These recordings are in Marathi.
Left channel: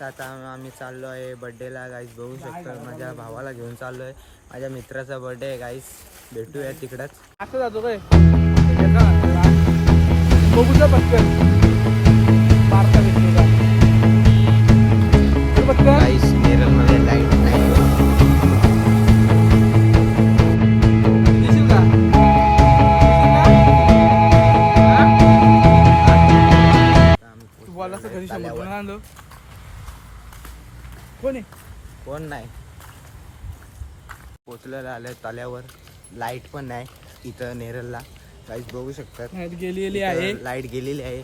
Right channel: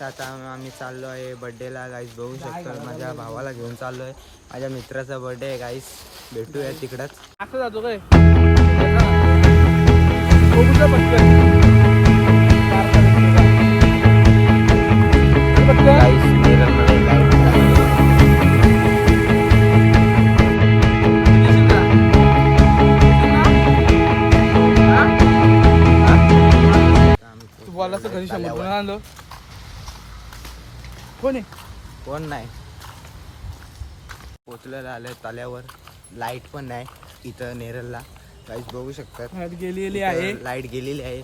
गाईस आता आम्ही चाललो आहे बड्डेला. गाईस बघू शकतो माझ्या भावाला घेऊन चाललो आहे. माझ्या मित्राचा बड्डे आहे गाईस. भेटूया तिकडंच. असं जातो काय गाईस नेरळमध्ये लाईट नाही. कोण नाही. पोचलेलं आलंय तल्यावर. लाईट पण नाही इथं नेरळला. गाईस बघू शकतात गेलेली आहे. लाईट गेलेली आहे.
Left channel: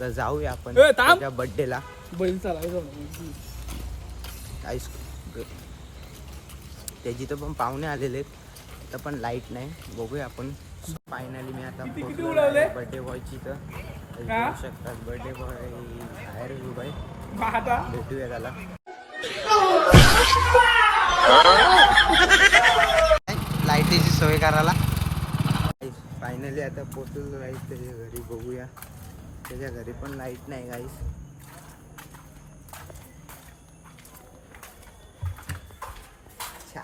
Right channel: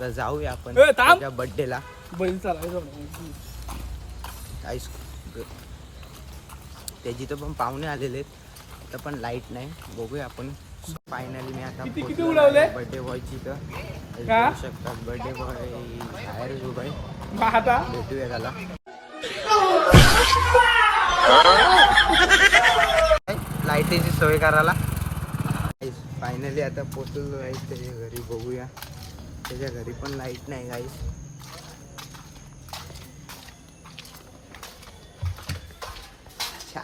तर जाऊया आपण थांब. त्याच्या बड्डेला. बैल चालायचं गाईस त्याची तर पण पाहुणे आलेले आहेत. तर पण लाईट नाही. बघूया आपण. फायनली मी आता बर्थडे बॉयची तर बघू शकतात. बर्थडे बॉय बाहेरच उभा आहे. भेटूया त्याला. लाईटीची सोय करायला. फायनली आता पोचलेलो आहे त्याच्या घरी. बघूया त्याच्या घरी पण लाईट नाही गाईस.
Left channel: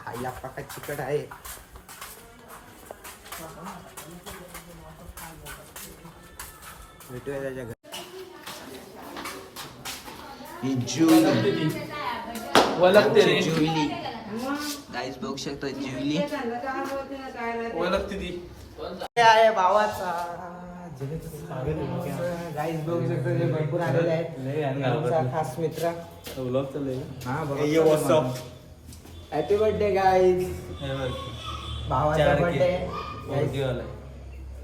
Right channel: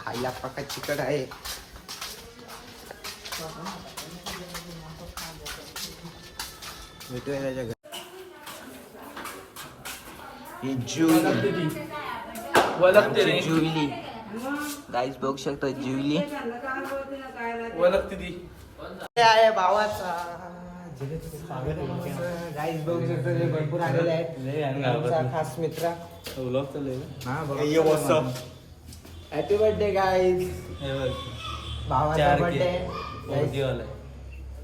आईला पक्का चिकट आहे. भेटूया त्याच्या घरी. जुईली गाईस बघू शकता. जुईली आहे भावाचा. गाईस बघू शकता ते भरपूर आलेले आहेत. खास मित्र. हॅपी बर्थडे गाईस. भावाचा बर्थडे.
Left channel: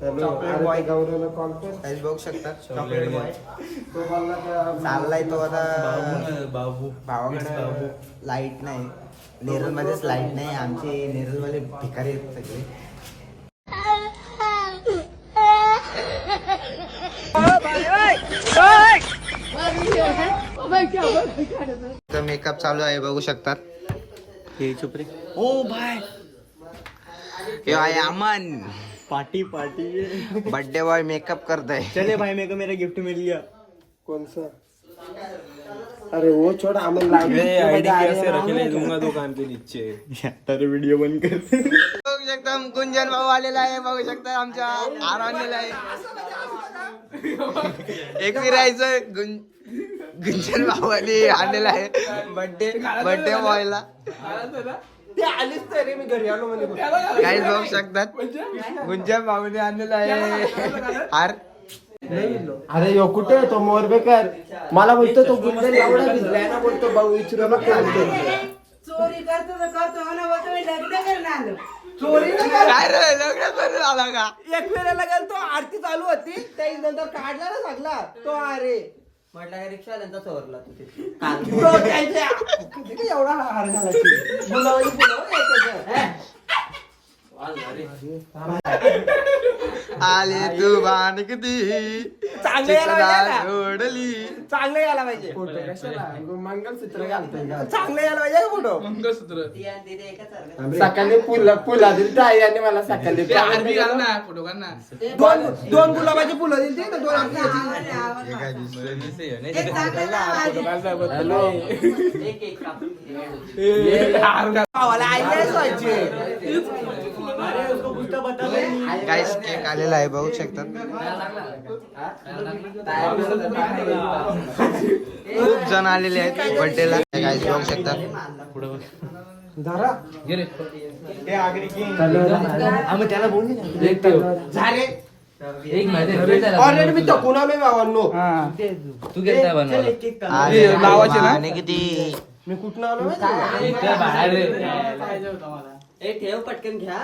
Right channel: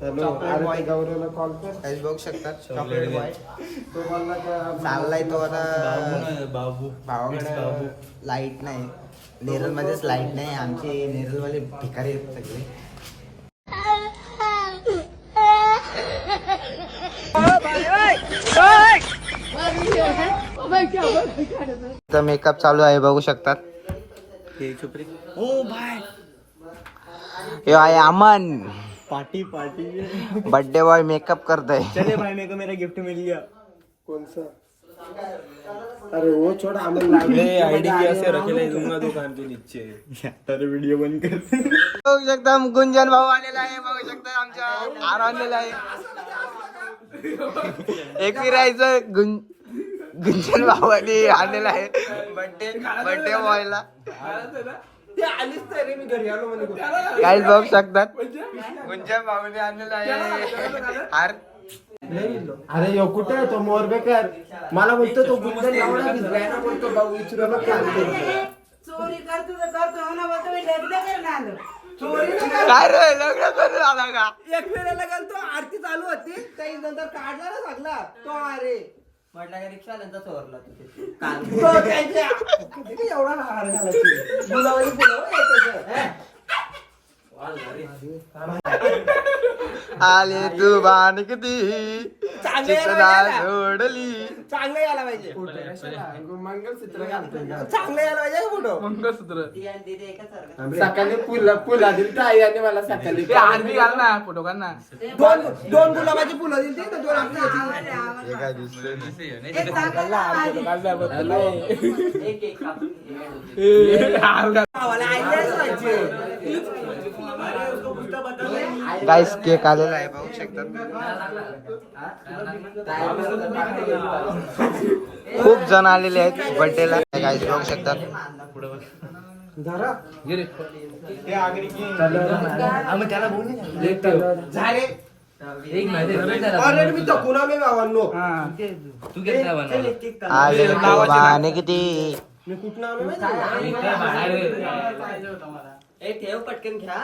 चॉकलेट बॉय गौरवला कॉल कर. गाईस बघू शकतात चॉकलेट बॉय चाललाय तो आता. भावाकडे लाईट नाही. नेरळ मध्येच लाईट नाही. आमचे नेरळ मध्ये भिकारी सगळे. मेकअप चालू आहे बघू शकतात. ओ भाई ये आहे Aman. Party birthday boy makeup करतोय. चले भाई मेरे को मेरा गिफ्ट मिल गया. कौन सा? अरे वो छोड़ा अमन आईडी कैसे रखेले दूंगा दुकान के नीचे. अरे वीडियो बंद कर. बघू शकता गुंजन भाऊ आलेला आहे. बघू शकता आमच्या आर आलेला आहे. एक फिरायचं गुंजन भाऊ आलेला आहे बर्थडे बॉयला. ते आलीच तर रे मी घरी आलो म्हणे. काहीच बघू शकतात गुंजन भाऊने आणलेला आहे. अरे यो कुठे तो मोरबेकर. मला बोलतो तो गुंजन एवढा भिजलाय ना. बोलतो भाऊ विचारायला चोरी करतो तर करतो ना. बोलतो मी लग्न करून आलो. चोरी काय रे लग्न करून आला का. एक वेळेला गेलो तो आरती चालू होती. त्या नंतर काढला ना सगळा तो. अरे म्हटलं रिक्षा नंतर चोरला एवढा हार झाला. बुलावली आले तू बाण किती चांगलं सोडली. यायला पाहिजे. मंगलसूत्र घालतोय. चांगलं यायला पाहिजे फोटो. सकाळी फुला दिली ताई आणि मला सकाळी फोटो काढ ना. दोन गुलाबाची फुलं दिली. दोन हे काय दिसतंय. गाईस केक आलेला आहे बघू शकतात. खूप जण आलेले आहेत बर्थडेला. गाईस बघू शकतात. आले किती मी कुठं आलो पटकन घ्या.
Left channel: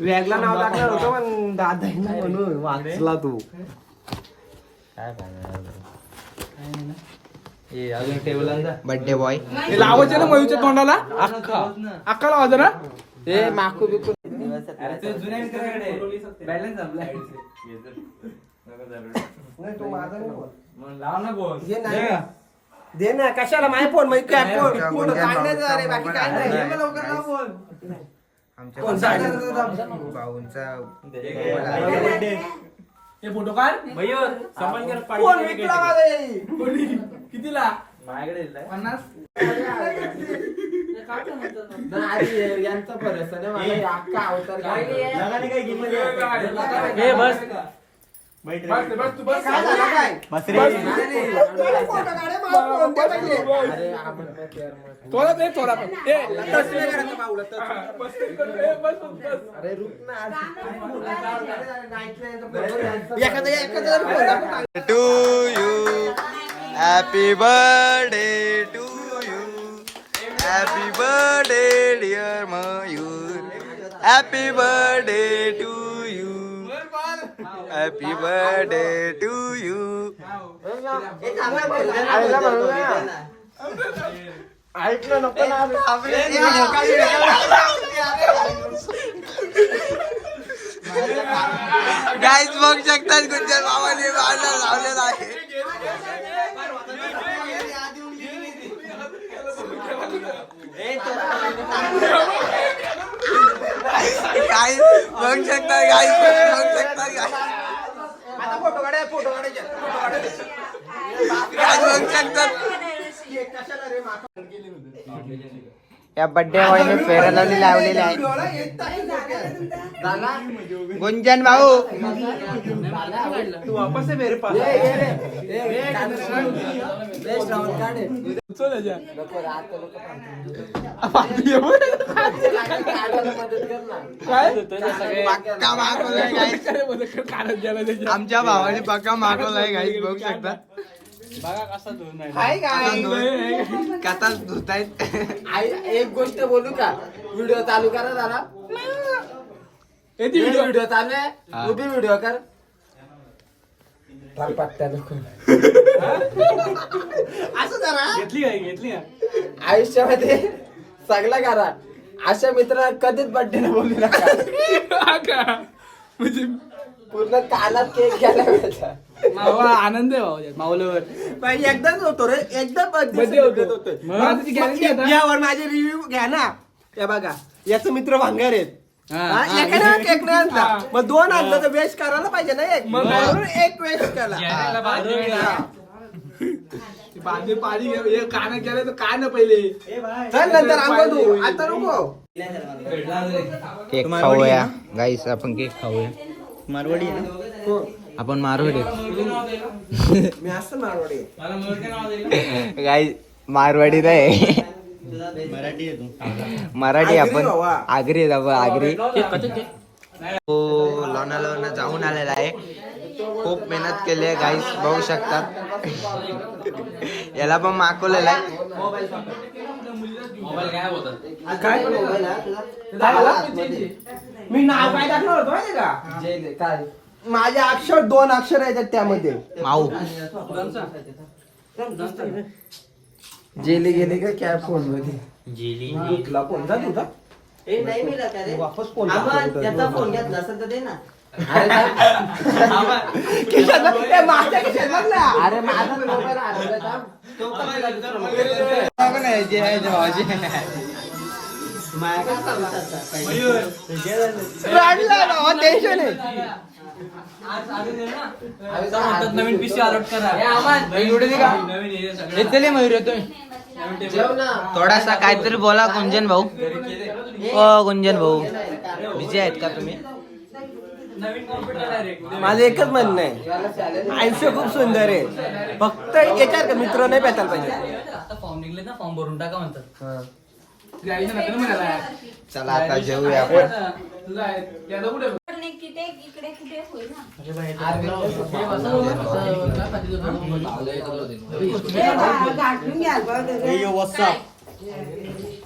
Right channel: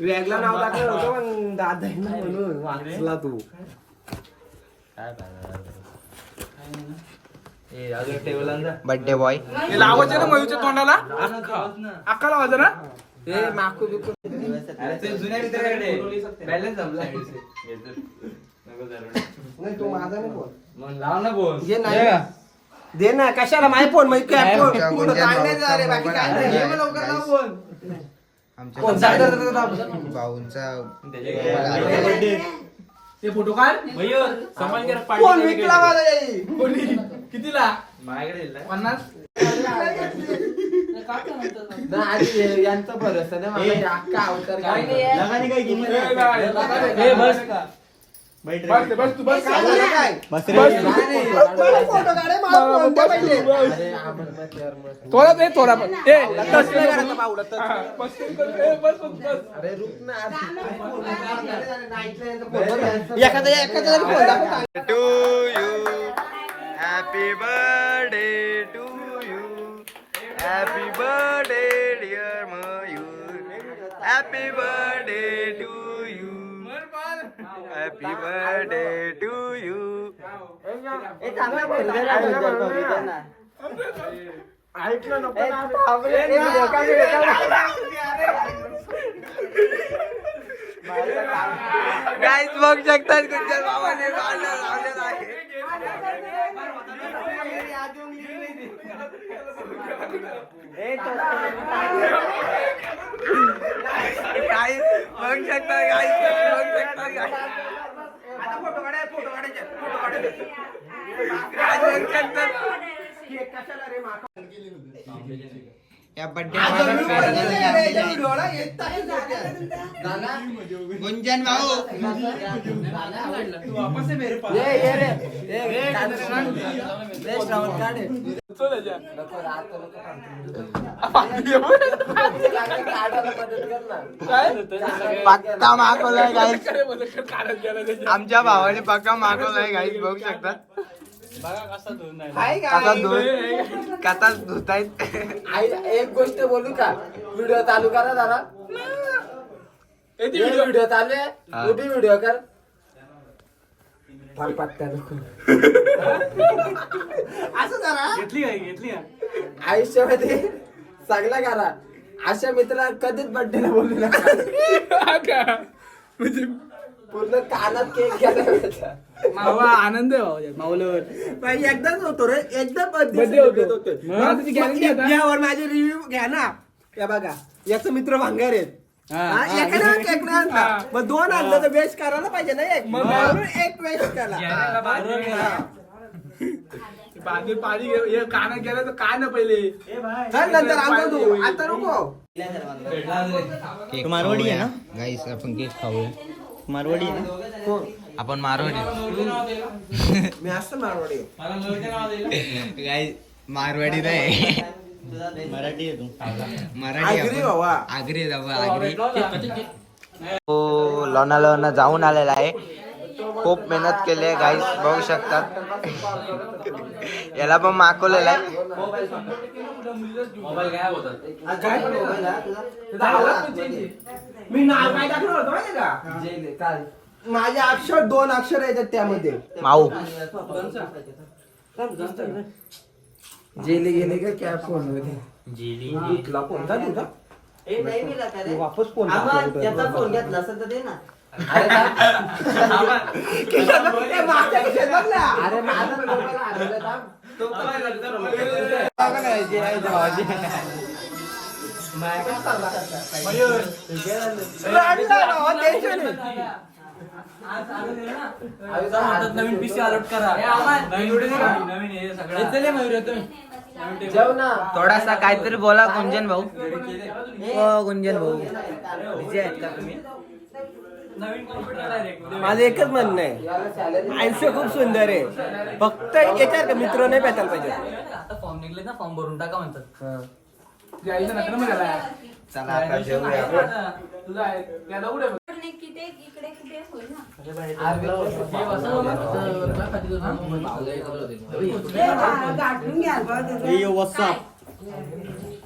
वेगळा नाव टाकलं होतं पण दादा म्हणून वाचला तू. बर्थडे बॉय लावायचं ना मयूच्या तोंडाला. अक्का लावायचं ना. हे माकू बिकू जुन्या मित्राकडे बॅलन्स संपलाय. नाही तू माझा नाही बोल. मग लाव ना फोन. हे नाही दे ना. कशाला माझे फोन मध्ये काय फोन आमच्या फोन गुंजन सांगायचं. अरे बाकी काय नाही. भाऊचा हे लवकर लाव फोन. आमच्या भाऊंचा फोटो काढ मयूर समान कर कोण विकला मला हे? कितीला माझ्याकडे 50 नाही, यांचा भरोसा नाही मला, हे अख्खा अवतार घालतो. लगाने काय किंमत हे बस बस तू बस काय झालं काय? बसरे मला फोटो काढे, मला फोन द्या पहिले. अरे, थोडा ते थोडा ते टच नाही करायचा बाहुला, टच नाही बस करायचा. अरे, रुक ना. अरे, नाही ऐकलं तर फोन द्या. एखादा तरी फोन द्या. To you happy birthday to you happy birthday dear Mayur happy birthday to you happy birthday to you ऐकलं नको ना. गाईज बघू शकतात गुंजन बाबाने बांधला लावलेला आहे गाईज बघू शकतात गाईज बघू शकतात गाईज फोटो काढायचे, फोटो काढायचे, फोटो काढायचे. गाईज बघू शकतात या बर्थडे बॉयने फेअर लावली लावलेली आहे गुंजन भाऊ तू वापस आहे मेरे पास. ये रे. पक्का मागवलाय गाईज आमच्या भावाने पक्का मागवलाय गाईज बघू शकतात कसा धुत कसा धुतायत एक गोष्ट बोलू का? व्हिडिओ चालू करा जरा. व्हिडिओ चालू आहे, तू बी व्हिडिओ कर. पत्त्या नको असं जरा घेतली आयुष्यामध्ये चांगला करा. अशा मित्र कधीच बर्थडे बोलू नका. म्हणजे पूर्ण कानात केक घ्यायला पाहिजे. मावा आनंद आहे भाऊ मावल्यावर बाई एकदाच होतो रे, एकदा Birthday होतो. मग त्याची guarantee आता? यावर माझे रिव्ह्यू घ्या ना. या बघा, याचे मित्र भांगर आहेत. हा, एखाद्या केक नाही आणला, हा. मग दोन आणलं तर वेस्ट करायला पाहिजे ना एक. मग म्हणून एक वेस्ट केला. बांधे पाणी हे काना गेलं तर काय ना पहिले चल नंतर आंघोळ धुवू. आता नको. केक खाऊया गाईस आपण केक खाऊया मारवाडी आहे ना आपण मारवाडी मी असं मारवाडी. गाईस मारवाडी नाही मराठी आहे तू मराठी आगरी आपण बाबा. आगरी आहे बाबा आगरी हो लोणावळा जाऊन आलेला आहे खूप मेहनत केली आहे गाईस बघू शकतात याला पण मागवलेला आहे काय मी नाव काय टाकलं होतं माहिती का? माझे अक्षर 2 अक्षर येतात त्यामध्ये. माऊ जेली गेले का क्या फोन मध्ये तुला कोणता तुझा वापस फोन फोन घेतला असेल तर दे ना. अरे माझा मोबाईल हरवला. टेन्शन आहे. नवीन पीसी अलॉट करा जेव ना. थोडासा काहीतरी बोला गुंजन भाऊ ओ गुंजन भाऊ बिझी आहेत का तुम्ही माझं एकच म्हणणं आहे, आयुष्य खूप सुंदर आहे, फक्त याच्यावर का मित्र नाही भेटायला पाहिजे. आता फॉर्म निघले ना, फॉर्म भरून टाका म्हणतात. यायचं नका ना म्हणाला चला आता जेवूया आपण तुझा आहे त्याला कुठे इकडे कुठे होईल ना गाठून घ्या व्हाट्सअप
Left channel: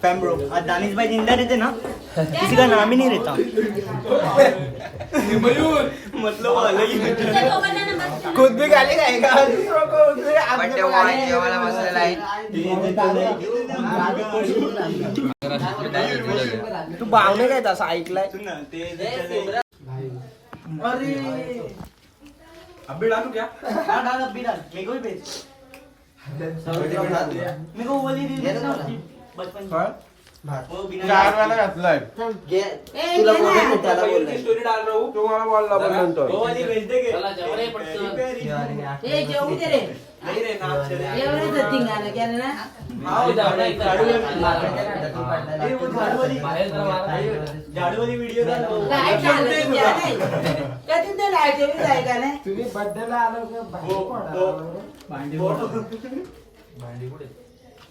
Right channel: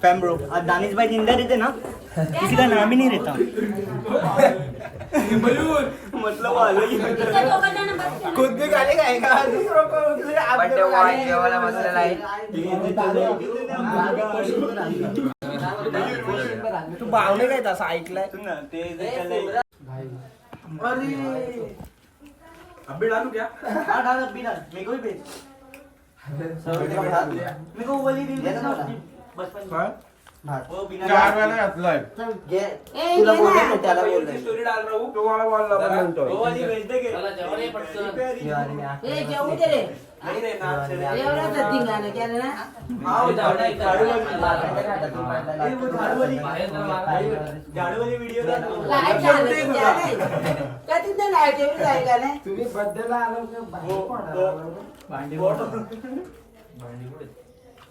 फैम ब्रो, आज दानिश भाई जिंदा रहते ना, किसी का नाम ही नहीं रहता. मतलब खुद भी गाली खाएगा. बर्थडे बॉय जेवायला बसलेला आहे तू भावने काय तसं ऐकलाय? अभी डालू क्या मेरे को भी भेज. मेरे को वो वाली रील देखना उसकी बचपन की. चार वेळा घातलाय घे. ए, तुला घे बोललो ना. मी, त्याला बोललो मी. तुम्हाला बोलला पण नंतर ए जेवू दे रे एवढं धिंगाणं केलं ना झाडूवाली व्हिडिओ लाईट लागलं तुझ्या नाही कधी ते लाईट एवढी जाईल का नाही तुम्ही बर्थडेला आलो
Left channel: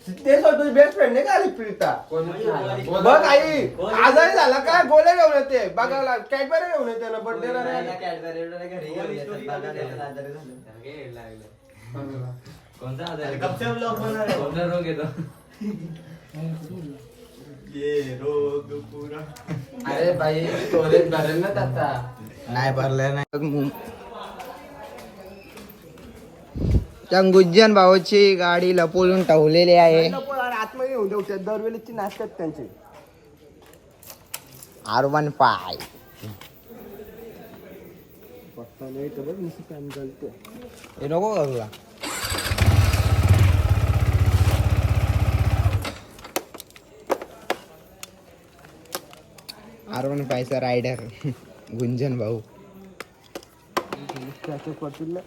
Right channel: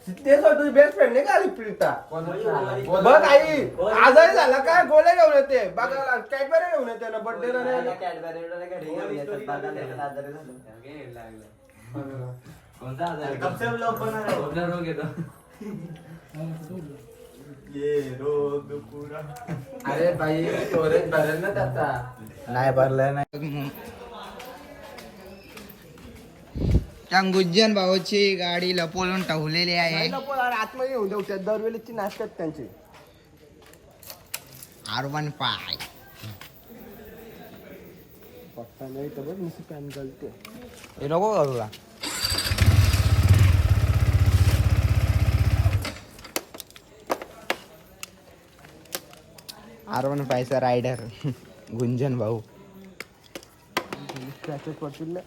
तेच तुझी बेस्ट फ्रेंड नाही का आली प्रीता बघ आई आजारी झाला काय गोळ्या घेऊन येते बघायला कॅडबरी घेऊन येते ना बर्थडेला अरे भाई स्टोरेज भरेल ना त्याचा नाही भरलाय नाही त्या गुज्जन भावाची गाडी लपवून ठेवलेली आहे आतमध्ये येऊन देऊ दरवेळेची नाश्तात त्यांची R15 पप्पा नाही तर बघ नुसती पॅन घालते हे नको करूला R15 चा रायडर गुंजन भाऊ स्क्रॅचेस पडतील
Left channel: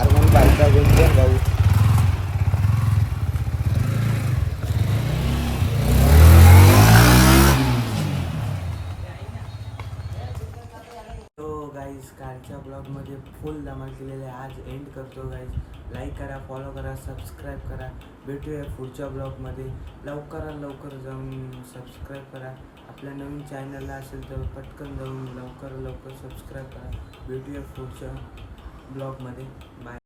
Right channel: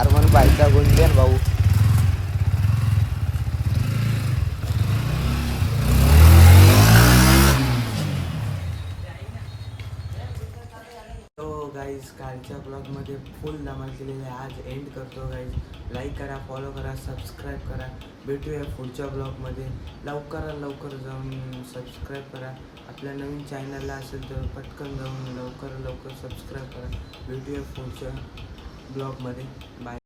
R15 चा गुंजन भाऊ गाईज कालच्या ब्लॉगमध्ये फुल धमाल केलेले आहे. आज एंड करतो गाईज. लाईक करा, फॉलो करा, सबस्क्राईब करा. भेटूया पुढच्या ब्लॉगमध्ये. लवकर जाऊन सबस्क्राईब करा. आपल्या नवीन चॅनलला असेल तर पटकन जाऊन लवकर सबस्क्राईब करा. भेटूया पुढच्या ब्लॉगमध्ये. बाय.